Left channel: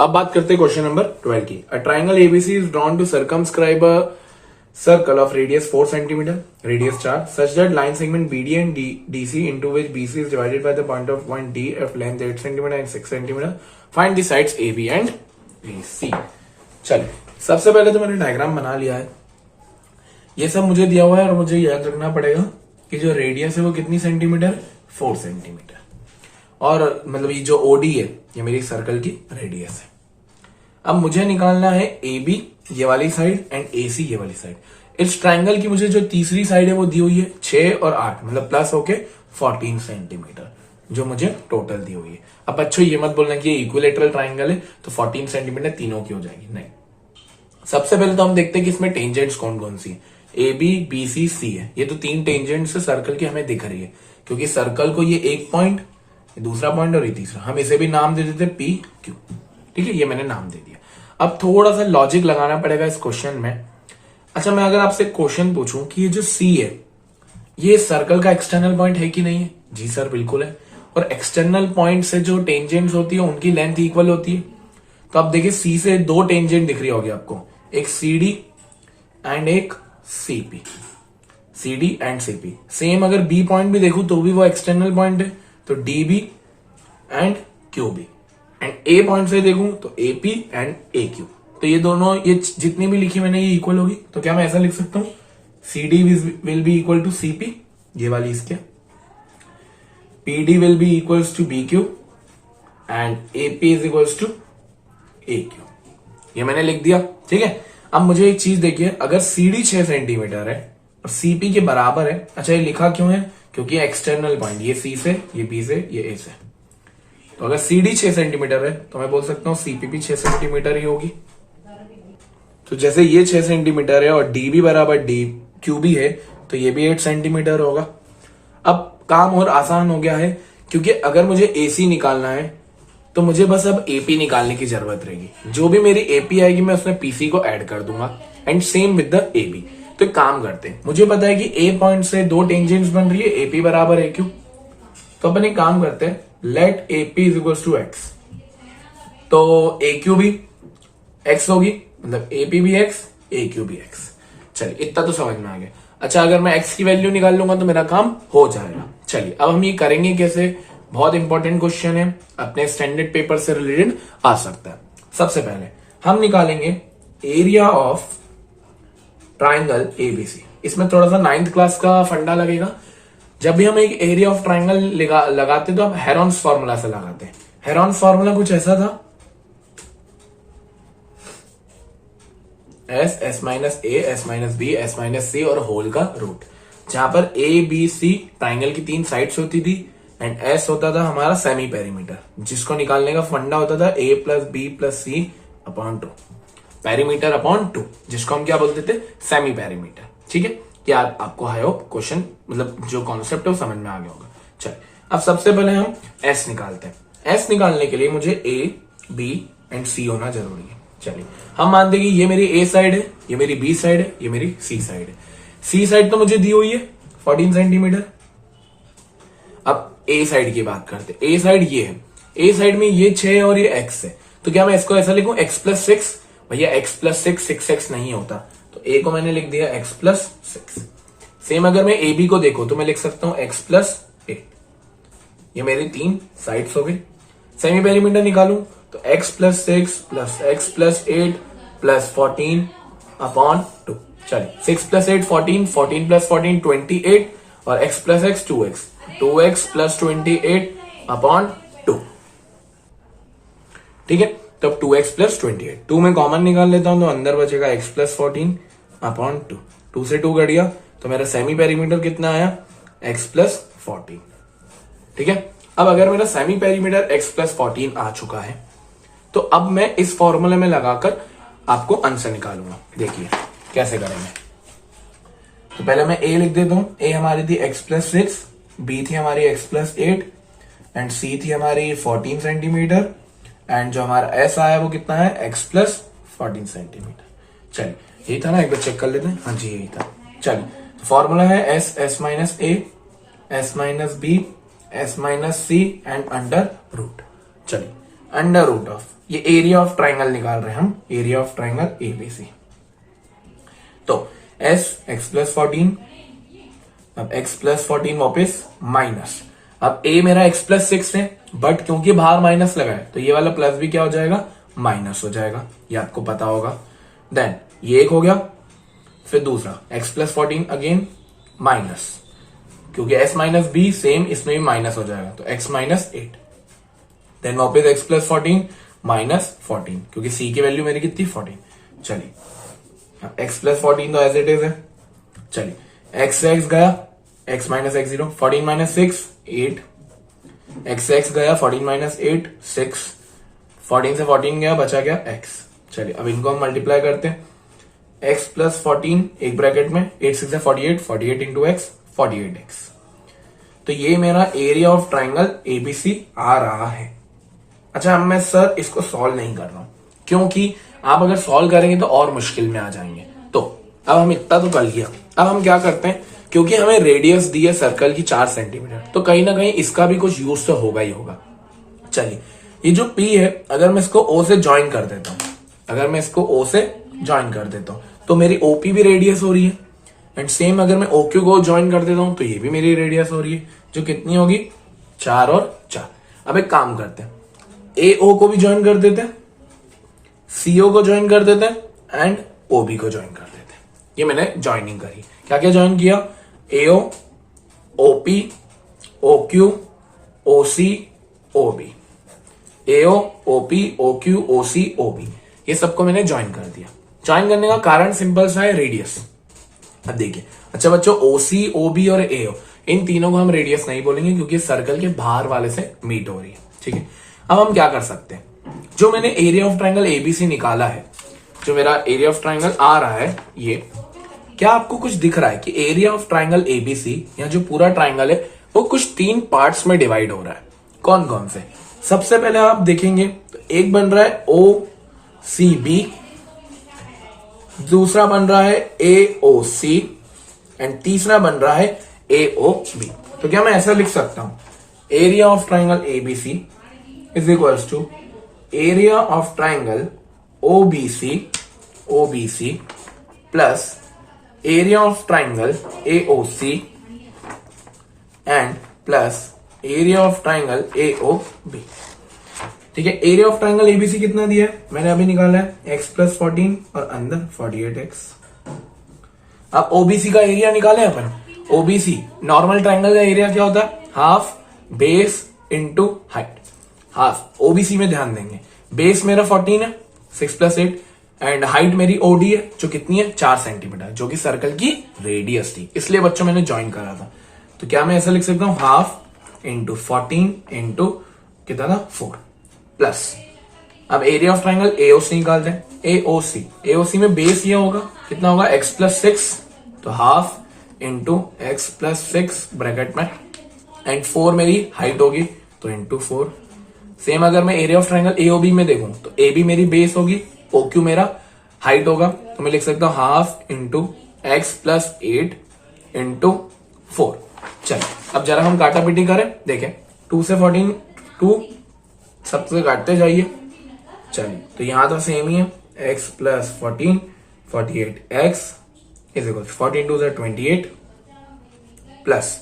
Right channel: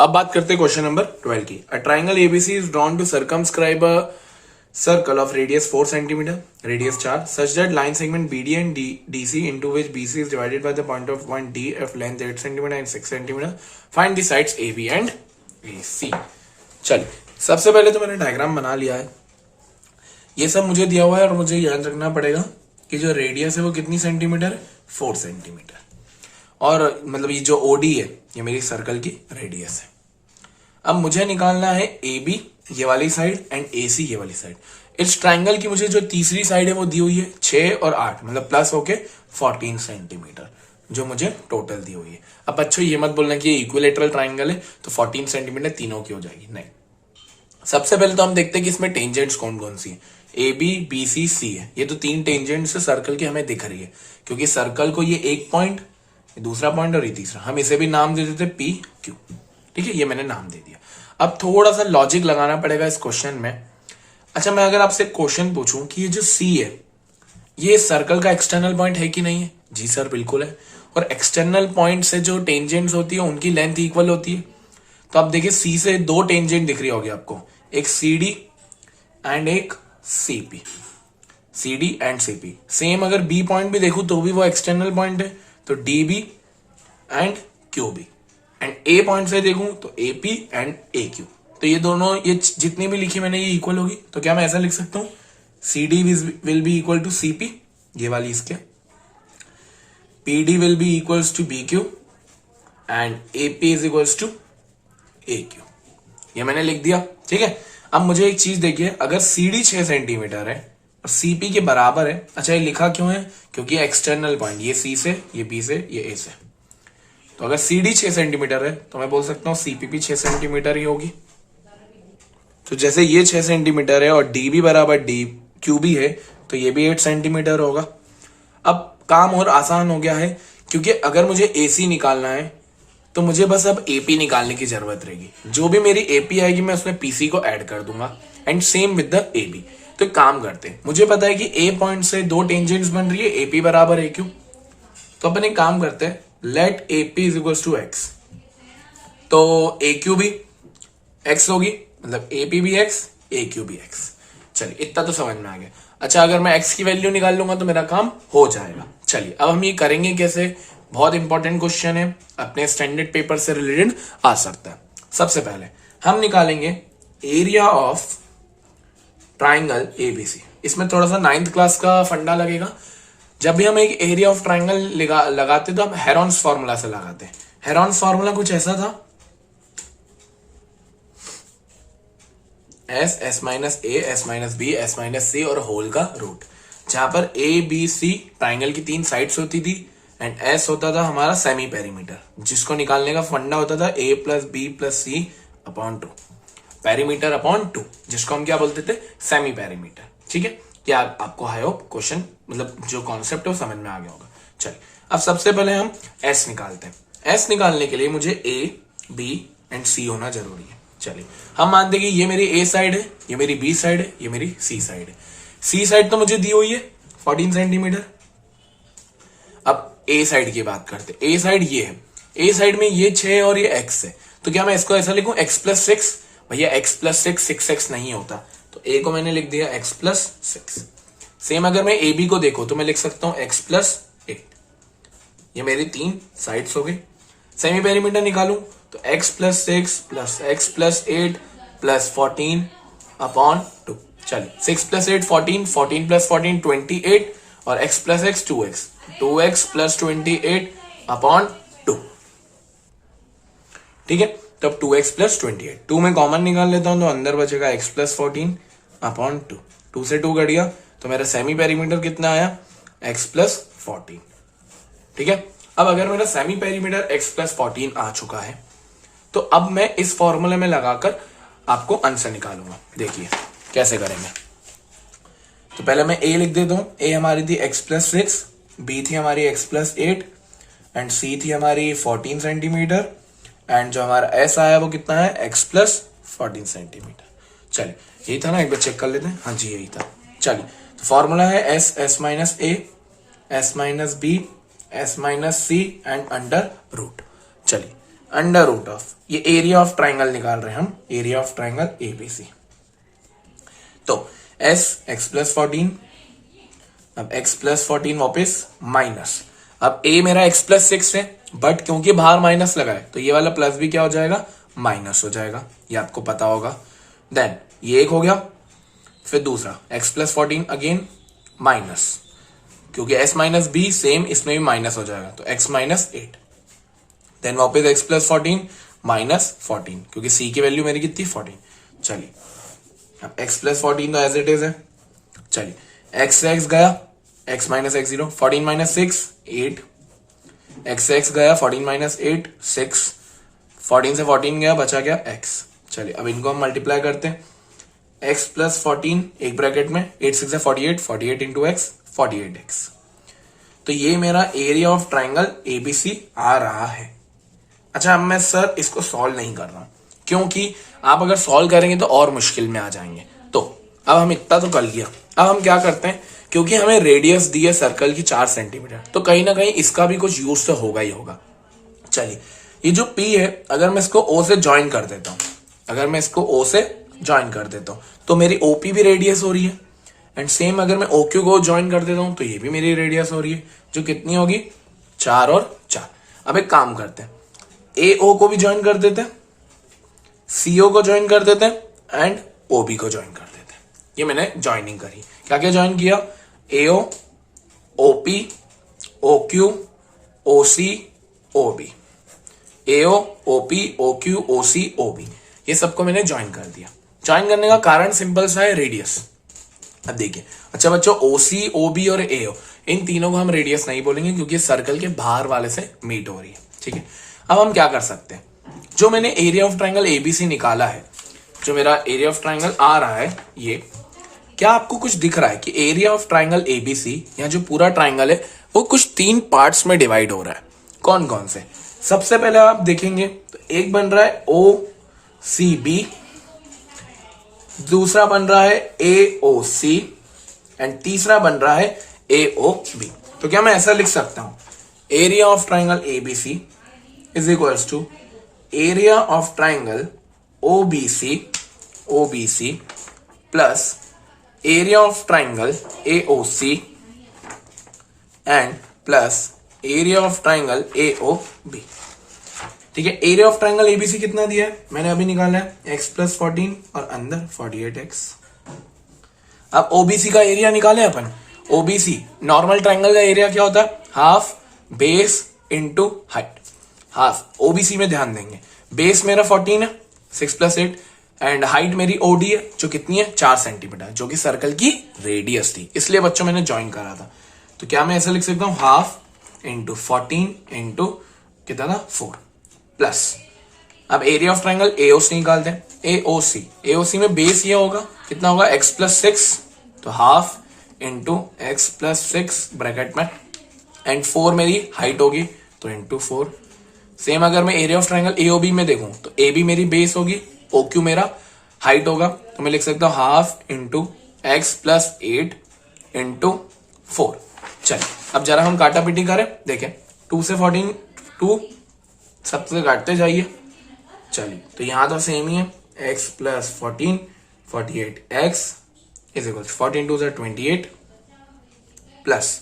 अब बात करते हैं क्वेश्चन नंबर 12 की। A triangle ABC is drawn to circumscribe a circle of radius 4 cm, radius 4, such that line segment BD and DC into which BC is divided by the point of point DF length 8 cm and 6 cm. Find the sides AB and AC. चलिए, सबसे पहले तो मैंने diagram बना लिया है। ये सब मुझे दिया हुआ है और मुझे याद रखना पड़ेगा कि जो रेडियस है वो कितनी सेंटीमीटर, 4 सेंटीमीटर। और मतलब ये जो ओडी है ये मेरी सर्कल की रेडियस है। अब मुझे निकालना है AB ये वाली साइड एंड AC ये वाली साइड। इस ट्राइंगल की मुझे जो तीसरी साइड है वो दी हुई है 6 और 8, मतलब प्लस होके 14 सेंटीमीटर जो मुझे टोटल दी हुई है। अब बच्चों ये मत बोलना कि ये इक्विलेटरल ट्राइंगल है तो 14 सेंटीमीटर तीनों की हो जाएगी, नहीं। सबसे पहले तो हम देखते हैं कि इसमें टेंजेंट्स कौन कौन सी है। AB BC C है, ये तो 3 टेंजेंट्स सर्कल की हमें दिख रही है, क्योंकि सर्कल को ये एक पॉइंट, दूसरा पॉइंट और ये तीसरा, हम इसे भी नाम दे देते PQ। ठीक है, ये मैंने नाम दे दिया। अब थोड़ा सा लॉजिक लगाना पड़ेगा इस क्वेश्चन में। अच्छा, मैं अगर आपसे क्वेश्चन पूछूं कि ये जो C है ये सर्कल का एक्सटर्नल पॉइंट है कि नहीं है? जी सर बिल्कुल है। और एक्सटर्नल पॉइंट से जो टेंजेंट्स होती है उनकी लेंथ इक्वल होती है। तो अब देखिए C से 2 टेंजेंट दिख रही होगी आपको, एक CD एंड एक CP। CD and CP same. अगर B पॉइंट भी देखूं तो भी वो एक्सटर्नल पॉइंट है, तो DB and QB। And A point से देखूं तो AP एंड AQ। तो ये दोनों, ये जितनी भी लिखी मैंने ये इक्वल होगी। तो क्या मैं ऐसा लिख सकता हूं, CD will be equal to CP, ये वाली इसके, PD will be equals to BQ and AP is equals to AQ। ये मैंने लिख दिया, ठीक है। अब मुझे एक चीज देखिए, अगर CD 6 सेंटीमीटर है और CP के बराबर है, अच्छा ये लिखा क्यों है, क्योंकि एक्सटर्नल पॉइंट ये C से, ये B से, ये A से। तो अगर CD 6 सेंटीमीटर है तो मैं बोल सकता हूं CP भी 6 सेंटीमीटर ही होगी। तो जैसे ये 6 सेंटीमीटर है और DB बराबर QB है तो ये भी 8 सेंटीमीटर होगा। अब काम और आसान हो गया है, क्योंकि अगर मुझे AC निकालना है तो मुझे बस अब AP निकालने की जरूरत रहेगी। जो भी मेरी AP आएगी मैं उसमें PC को ऐड कर दूंगा and same with the AB। तो काम करते हैं, मुझे पता है कि A पॉइंट से 2 टेंजेंट्स बन रही है, AP बराबर AQ। तो अपन एक काम करते हैं, let AP is equals to X। तो AQ भी X होगी, मतलब AP भी X, AQ भी X। चलिए, इतना तो समझ में आ गया। अच्छा, अगर मैं X की वैल्यू निकाल लूंगा तो मेरा काम हो जाएगा। चलिए, अब हम ये करेंगे कैसे, बहुत इंपॉर्टेंट क्वेश्चन है, अपने स्टैंडर्ड पेपर से रिलेटेड आ सकता है। सबसे पहले हम निकालेंगे एरिया ऑफ ट्राइंगल ABC। इसमें थोड़ा सा 9th क्लास का फंडा लगेगा। जब भी हम एक एरिया ऑफ ट्राइंगल लगाते तो हम हेरॉन्स फॉर्मूला से लगाते हैं। हेरॉन्स फॉर्मूला कुछ ऐसा था, S minus A, S minus B, S minus C और होल का रूट, जहां पर ABC ट्राइंगल की 3 साइड्स होती थी एंड S होता था हमारा सेमी पेरीमीटर, जिसको निकालने का फंडा होता था A plus B plus C upon 2, perimeter upon 2, जिसको हम क्या बोलते थे, सेमी पेरीमीटर। ठीक है, क्या आपको आई होप क्वेश्चन, मतलब जो कॉन्सेप्ट है वो समझ में आ गया होगा। चलिए, अब सबसे पहले हम S निकालते हैं। S निकालने के लिए मुझे A, B एंड C होना जरूरी है। चलिए, हम मानते हैं कि ये मेरी A साइड है, ये मेरी B साइड है, ये मेरी C साइड है। C साइड तो मुझे दी हुई है 14 सेंटीमीटर। अब A साइड की बात करते हैं। A साइड ये है, A साइड में ये 6 और ये X है, तो क्या मैं इसको ऐसा लिखूं X प्लस 6? भैया X प्लस 6 नहीं होता, तो A को मैंने लिख दिया X प्लस 6। सेम अगर मैं AB को देखो तो मैं लिख सकता हूं X प्लस 8। ये मेरी 3 साइड्स हो गई। सेमी पेरीमीटर निकालूं तो X plus 6 plus X plus 8 plus 14 upon 2। चलिए, 6 प्लस 8 14, 14 प्लस 14 28 और X plus X 2X, 2X plus 28 upon 2। ठीक है, तो अब 2X प्लस 28, 2 में कॉमन निकाल लेता हूं तो अंदर बचेगा X प्लस 14 अपॉन 2। 2 से 2 कट गया तो मेरा सेमी पेरीमीटर कितना आया, X प्लस 14। ठीक है, अब अगर मेरा सेमी पेरीमीटर X प्लस 14 आ चुका है तो अब मैं इस फॉर्मूले में लगाकर आपको आंसर निकालूंगा। देखिए कैसे करेंगे। तो पहले मैं A लिख देता हूं। A हमारी थी X प्लस 6, B थी हमारी X प्लस 8 एंड C थी हमारी 14 सेंटीमीटर एंड जो हमारा S आया वो कितना है, X प्लस 14 सेंटीमीटर। चलिए, यही था ना, एक बार चेक कर लेते हैं। हाँ जी, यही था। चलिए, तो फॉर्मूला है S minus A, S minus B, S minus C and under root. चलिए, अंडर रूट ऑफ, ये एरिया ऑफ ट्राइंगल निकाल रहे हैं हम, एरिया ऑफ ट्राइंगल एबीसी। तो s x प्लस 14, अब x प्लस 14 वापिस माइनस, अब a मेरा x प्लस 6 है, बट क्योंकि बाहर माइनस लगा है तो ये वाला प्लस भी क्या हो जाएगा, माइनस हो जाएगा, ये आपको पता होगा। देन ये एक हो गया, फिर दूसरा x प्लस 14 अगेन माइनस, क्योंकि s माइनस बी सेम, इसमें भी माइनस हो जाएगा, तो x माइनस 8। देन वापस x प्लस 14 माइनस 14, क्योंकि c की वैल्यू मेरी कितनी 14। चलिए अब x प्लस 14 तो एज इट इज है। चलिए x से x गया, x minus x 0, 14 minus 6 8, x से x गया, 14 माइनस 8 6, 14 से 14 गया, बचा गया x। चलिए अब इनको हम मल्टीप्लाई करते हैं, x प्लस 14 एक ब्रैकेट में 8 6 है 48, 48 इंटू एक्स 48x। तो ये मेरा एरिया ऑफ ट्राइंगल एबीसी आ रहा है। अच्छा अब मैं सर इसको सॉल्व नहीं कर रहा हूं, क्योंकि आप अगर सॉल्व करेंगे तो और मुश्किल में आ जाएंगे। तो अब हम इतना तो कर लिया, अब हम क्या करते हैं, क्योंकि हमें रेडियस दी है सर्कल की 4 सेंटीमीटर, तो कहीं ना कहीं इसका भी कुछ यूज तो होगा ही होगा। चलिए ये जो P है, अगर मैं इसको O से ज्वाइन कर देता हूं, अगर मैं इसको O से ज्वाइन कर देता हूं तो मेरी OP भी रेडियस हो रही है, एंड सेम अगर मैं OQ को ज्वाइन कर देता हूं तो ये भी मेरी रेडियस हो रही है, जो कितनी होगी 4 और 4। अब एक काम करते हैं, AO को भी ज्वाइन कर देते हैं, CO को ज्वाइन कर देते हैं, एंड OB को ज्वाइन कर देते हैं। ये मैंने ज्वाइनिंग करी, क्या क्या ज्वाइन किया, AO OP OQ OC OB, AO OP OQ OC OB, ये सबको मैंने ज्वाइन कर दिया। ज्वाइन करने का कारण सिंपल सा है, रेडियस। अब देखिए, अच्छा बच्चों OC OB और AO इन तीनों को हम रेडियस नहीं बोलेंगे, क्योंकि सर्कल के बाहर वाले से मीट हो रही है, ठीक है। अब हम क्या कर सकते हैं, जो मैंने एरिया ऑफ ट्राइंगल एबीसी निकाला है, जो मेरा एरिया ऑफ ट्राइंगल आ रहा है, ये क्या आपको कुछ दिख रहा है कि एरिया ऑफ ट्राइंगल एबीसी या जो पूरा ट्राइंगल है वो कुछ 3 पार्ट्स में डिवाइड हो रहा है। कौन कौन से, सबसे पहले आप देखेंगे तो एक बन रहा है OCB, दूसरा बन रहा है AOC, एंड तीसरा बन रहा है AOB। तो क्या मैं ऐसा लिख सकता हूं, area of triangle ABC is equals to area of triangle OBC plus area of triangle AOC and plus area of triangle AOB। ठीक है, एरिया ऑफ ट्राइंगल एबीसी कितना दिया है, मैंने अभी निकाला है x प्लस 14 और अंदर 48x। अब ओबीसी का एरिया निकाले अपन, ओबीसी नॉर्मल ट्राइंगल का एरिया क्या होता है, half base into height. Half OBC में ध्यान देंगे, बेस मेरा 14 है 6 प्लस 8, एंड हाइट मेरी ओडी है जो कितनी है 4 सेंटीमीटर, जो कि सर्कल की रेडियस थी, इसलिए बच्चों मैंने ज्वाइन करा था। तो क्या मैं ऐसा लिख सकता हूं, हाफ इंटू 14 इंटू कितना था 4 प्लस, अब एरिया ऑफ ट्राइंगल AOC निकालते हैं, AOC में बेस ये होगा कितना होगा x प्लस 6, तो half into x plus 6 bracket में, एंड 4 मेरी हाइट होगी तो इंटू 4। सेम अगर मैं एरिया ऑफ ट्राइंगल AOB में देखूं तो AB मेरी बेस होगी, OQ मेरा हाइट होगा, तो मैं लिख सकता हूं half into x plus 8 into 4। चलिए अब जरा हम काटा पीटी करें, देखें 2 से 14 2 सबसे काटते जाइए। चलिए तो यहां तो सेम ही है, x plus 14 48x is equal 14 2 से 28 प्लस,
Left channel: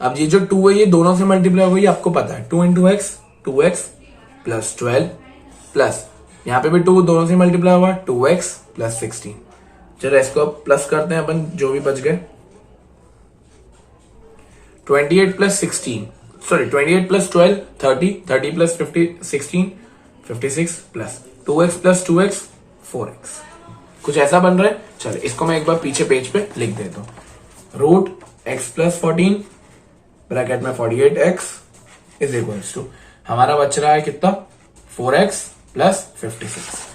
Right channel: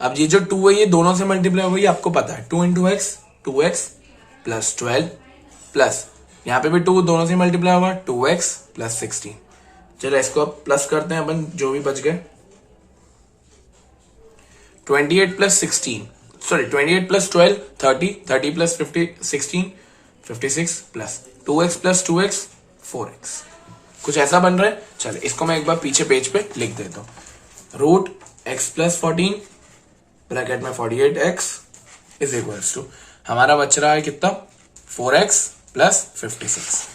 अब ये जो 2 है ये दोनों से मल्टीप्लाई होगी, आपको पता है 2 into x 2x plus 12 plus यहाँ पे भी 2 दोनों से मल्टीप्लाई होगा 2x प्लस 16। चलो इसको अब प्लस करते हैं अपन, जो भी बच गए 28 plus 16 sorry 28 plus 12 30 30 plus 50 16 56 plus 2x plus 2x 4x, कुछ ऐसा बन रहा है। चलो इसको मैं एक बार पीछे पेज पे लिख देता हूं, रूट x प्लस 14 ब्रैकेट में 48x इज इक्वल्स टू हमारा बच रहा है कितना 4x प्लस 56,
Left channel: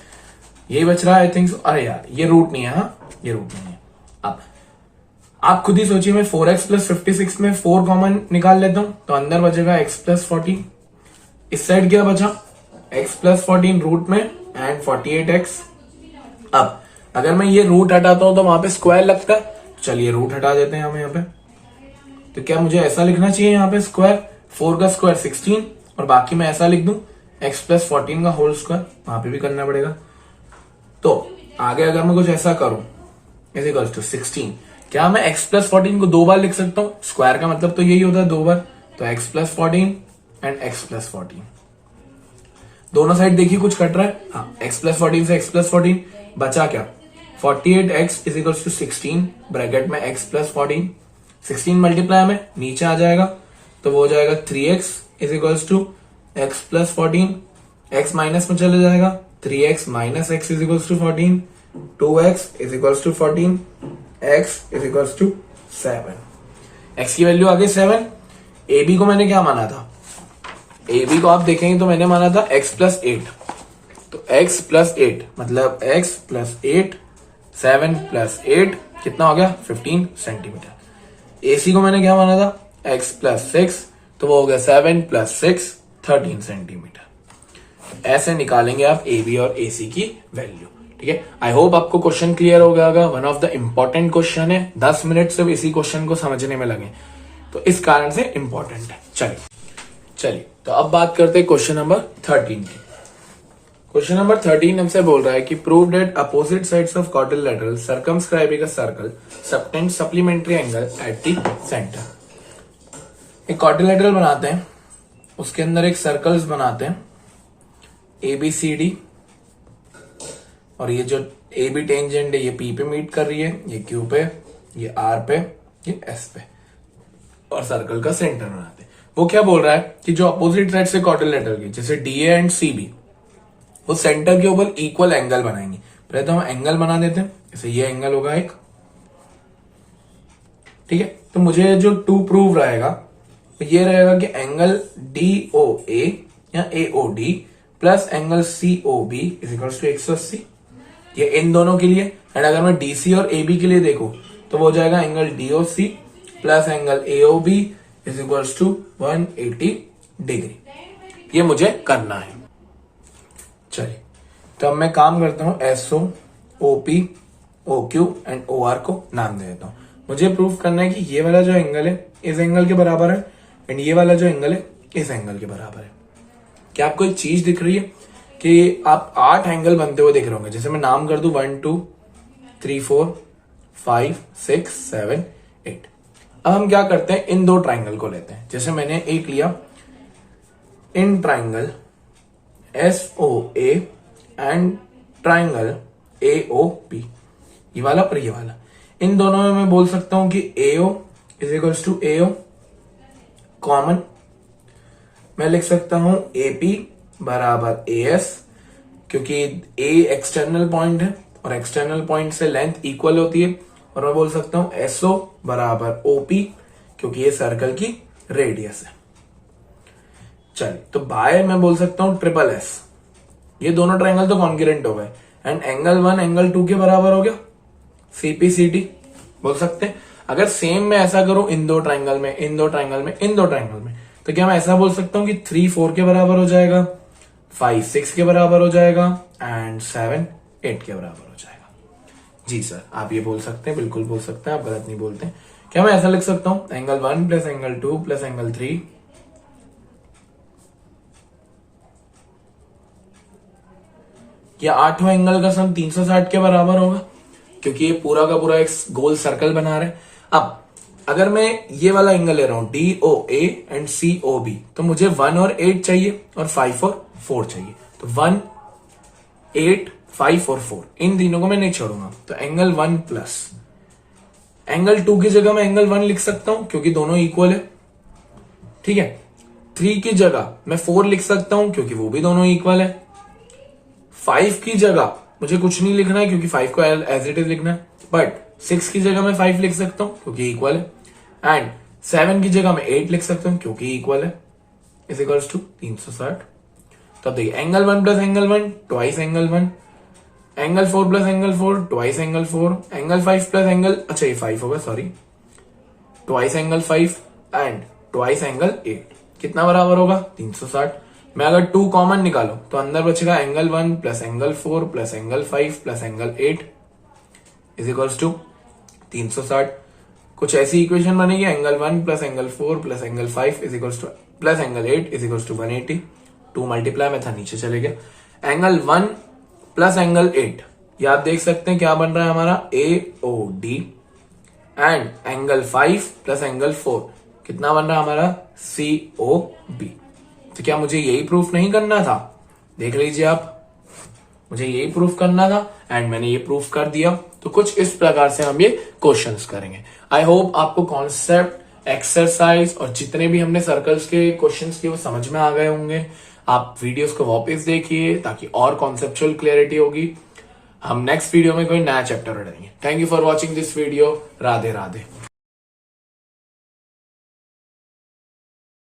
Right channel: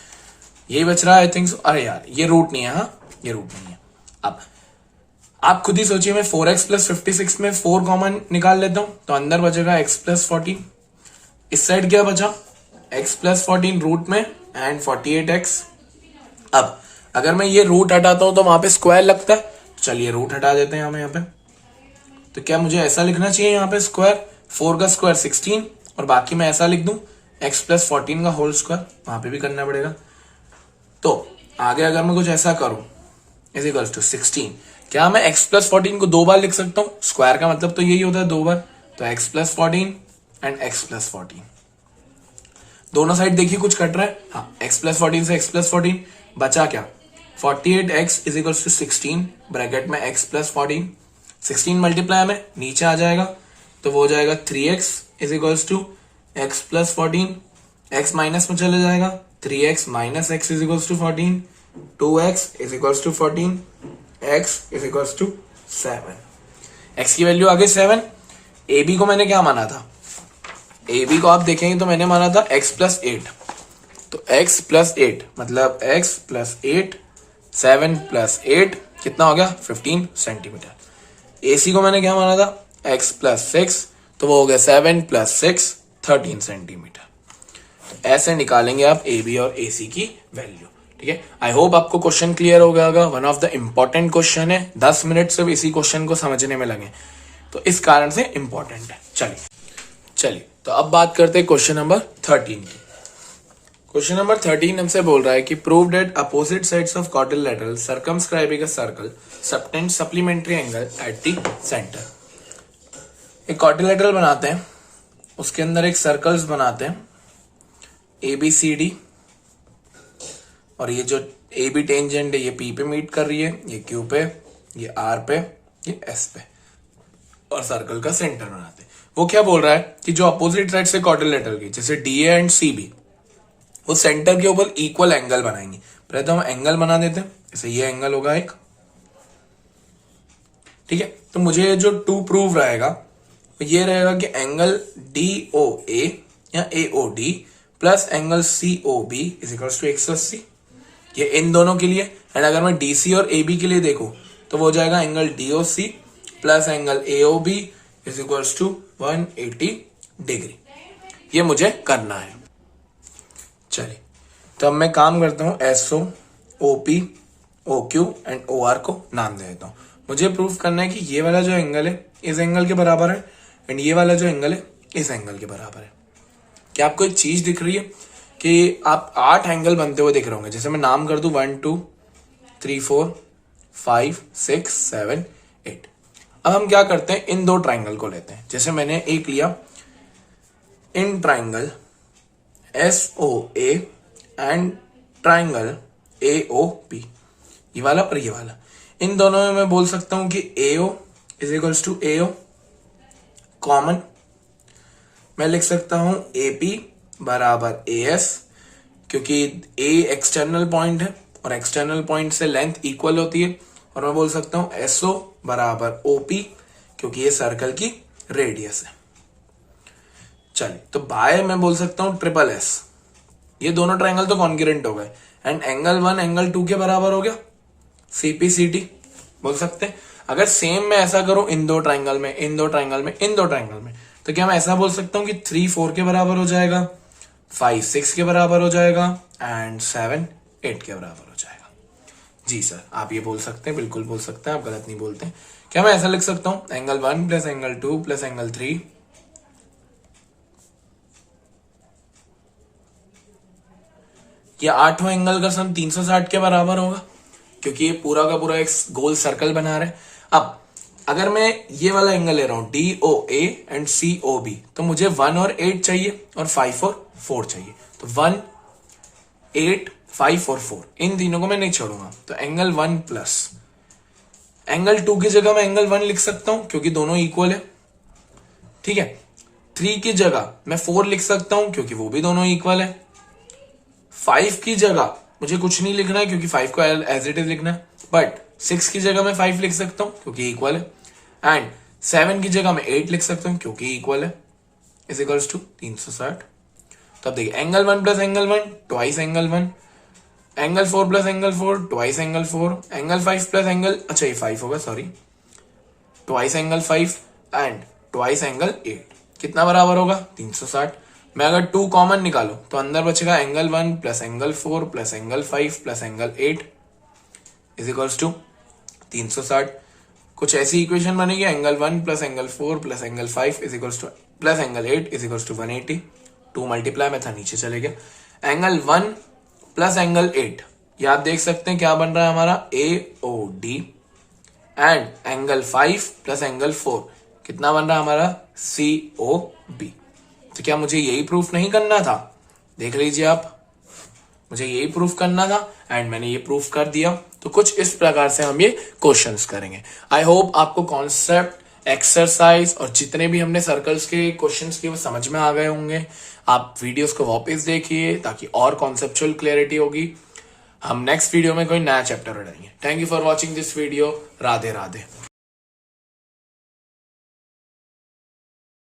यही बच रहा है आई थिंक। अरे यार ये रूट नहीं है, हाँ ये रूट नहीं है। अब आप खुद ही सोचिए, मैं 4x प्लस 56 में 4 कॉमन निकाल लेता हूं तो अंदर बचेगा x प्लस 14, इस साइड क्या बचा x प्लस 14 रूट में एंड 48x। अब अगर मैं ये रूट हटाता हूं तो वहां पे स्क्वायर लगता है, चलिए रूट हटा देते हैं हम यहाँ पे। तो क्या मुझे ऐसा लिखना चाहिए यहाँ पे स्क्वायर, 4 का स्क्वायर 16 और बाकी मैं ऐसा लिख दूं x प्लस 14 का होल स्क्वायर, वहां पे भी करना पड़ेगा। तो आगे अगर मैं कुछ ऐसा करूं इज इक्वल्स टू 16, क्या मैं x प्लस 14 को 2 बार लिख सकता हूं? स्क्वायर का मतलब तो यही होता है 2 बार, तो x plus 14 and x plus 14, दोनों साइड देखिए कुछ कट रहा है। हाँ, x प्लस 14 से x प्लस 14 बचा क्या, 48x is equals to 16 bracket में x प्लस 14, 16 मल्टीप्लाई में नीचे आ जाएगा तो वो हो जाएगा 3x is equals to x plus 14, x minus में चले जाएगा 3x minus x is equals to 14, 2x is equals to 14, x is equals to 7, x की वैल्यू आ गई 7। ab को मैंने क्या माना था, ab को आप देखेंगे तो मैंने माना था x प्लस 8, तो x प्लस 8 मतलब x प्लस 8, 7 प्लस 8 कितना हो गया 15 सेंटीमीटर। AC को मैंने क्या माना था x प्लस 6, तो वो हो गया 7 प्लस 6 13 सेंटीमीटर। ऐसे निकालेंगे आप AB और AC की वैल्यू। ठीक है, आई होप आपको क्वेश्चन क्लियर हो गया होगा। One of the important question है, 10 मिनट सिर्फ इसी क्वेश्चन को समझने में लगे, तो इस कारण से इंपॉर्टेंट है। चलिए तो अब बात करते हैं क्वेश्चन नंबर 13 की। क्वेश्चन नंबर 13 हमसे बोल रहा है कि prove that opposite sides of quadrilateral circumscribing a circle subtend supplementary angle at the centre. एक क्वाड्रिलेटरल बनाते हैं, उसके अंदर एक सर्कल्स बनाते हैं ABCD, और ये जो AB टेंजेंट है ये P पे मीट कर रही है, ये Q पे, ये R पे, ये S पे, और सर्कल का सेंटर बनाते हैं। वो क्या बोल रहा है कि जो अपोजिट साइड से क्वाड्रिलेटरल की जैसे DA एंड CB, वो सेंटर के ऊपर इक्वल एंगल बनाएंगे। पहले तो हम एंगल बना देते हैं, जैसे ये एंगल होगा एक, ठीक है। तो मुझे जो टू प्रूव रहेगा ये रहेगा कि एंगल DOA या AOD plus angle COB is equals to 180, ये इन दोनों के लिए। एंड अगर मैं DC और AB के लिए देखूं तो वो हो जाएगा angle DOC plus angle AOB is equals to 180 degree. ये मुझे करना है। चलिए तो अब मैं काम करता हूं, SO, OP, OQ and OR को नाम दे देता हूं। मुझे प्रूफ करना है कि ये वाला जो एंगल है इस एंगल के बराबर है, एंड ये वाला जो एंगल है इस एंगल के बराबर है। क्या आपको एक चीज दिख रही है कि आप 8 एंगल बनते हुए दिख रहे होंगे। जैसे मैं नाम कर दूं 1 2 3 4 5 6 7 8। अब हम क्या करते हैं, इन दो ट्राइंगल को लेते हैं। जैसे मैंने एक लिया in triangle SOA and triangle AOP, ये वाला और ये वाला, इन दोनों में मैं बोल सकता हूं कि AO is equals to AO common. मैं लिख सकता हूं AP बराबर AS, क्योंकि A एक्सटर्नल पॉइंट है और एक्सटर्नल पॉइंट से लेंथ इक्वल होती है। और मैं बोल सकता हूं SO बराबर OP, क्योंकि ये सर्कल की रेडियस है। चलिए तो बाय मैं बोल सकता हूं ट्रिपल S, ये दोनों ट्राइंगल तो कॉन्ग्रुएंट हो गए, एंड एंगल 1 एंगल 2 के बराबर हो गया, CPCT बोल सकते हैं। अगर सेम मैं ऐसा करूं इन दो ट्राइंगल में, इन दो ट्राइंगल में, इन दो ट्राइंगल में, तो क्या मैं ऐसा बोल सकता हूं कि 3 4 के बराबर हो जाएगा, 5 6 के बराबर हो जाएगा, एंड 7 8 के बराबर हो जाएगा। जी सर, आप ये बोल सकते हैं, बिल्कुल बोल सकते हैं, आप गलत नहीं बोलते। क्या मैं ऐसा लिख सकता हूं angle 1 plus angle 2 plus angle 3, या 8वां एंगल का सम 360 के बराबर होगा, क्योंकि ये पूरा का पूरा एक गोल सर्कल बना रहा है। अब अगर मैं ये वाला एंगल ले रहा हूं DOA एंड COB, तो मुझे 1 और 8 चाहिए और 5 और 4 चाहिए। तो 1 8 5 और 4 इन तीनों को मैं नहीं छोड़ूंगा। तो एंगल 1 प्लस एंगल 2 की जगह मैं एंगल 1 लिख सकता हूं, क्योंकि दोनों इक्वल है, ठीक है। 3 की जगह मैं 4 लिख सकता हूं, क्योंकि वो भी दोनों इक्वल है। 5 की जगह मुझे कुछ नहीं लिखना है, क्योंकि 5 को एज इट इज लिखना है, बट 6 की जगह मैं 5 लिख सकता हूं, क्योंकि इक्वल है। एंड 7 की जगह मैं 8 लिख सकता हूं, क्योंकि इक्वल है, इज इक्वल्स टू 360। तो अब देखिए angle 1 plus angle 1 twice angle 1, angle 4 plus angle 4 twice angle 4, angle 5 plus angle, अच्छा ये 5 होगा, sorry, twice angle 5 and twice angle 8, कितना बराबर होगा 360। मैं अगर 2 कॉमन निकालू तो अंदर बचेगा angle 1 plus angle 4 plus angle 5 plus angle 8 is equals to 360। कुछ ऐसी इक्वेशन बनेगी, angle 1 plus angle 4 plus angle 5 is equals to plus angle 8 is equals to 180। 2 multiply में था, नीचे चले गया। एंगल 1 प्लस एंगल 8, ये आप देख सकते हैं क्या बन रहा है हमारा AOD। And angle 5 plus angle 4 कितना बन रहा है हमारा COB। तो क्या मुझे यही प्रूफ नहीं करना था? देख लीजिए आप, मुझे यही प्रूफ करना था एंड मैंने ये प्रूफ कर दिया। तो कुछ इस प्रकार से हम ये क्वेश्चंस करेंगे। आई होप आपको कॉन्सेप्ट, एक्सरसाइज और जितने भी हमने सर्कल्स के क्वेश्चंस किए वो समझ में आ गए होंगे। आप वीडियोस को वापस देखिए ताकि और कॉन्सेप्चुअल क्लैरिटी होगी। हम नेक्स्ट वीडियो में कोई नया चैप्टर पढ़ेंगे। Thank you for watching this video. Radhe Radhe.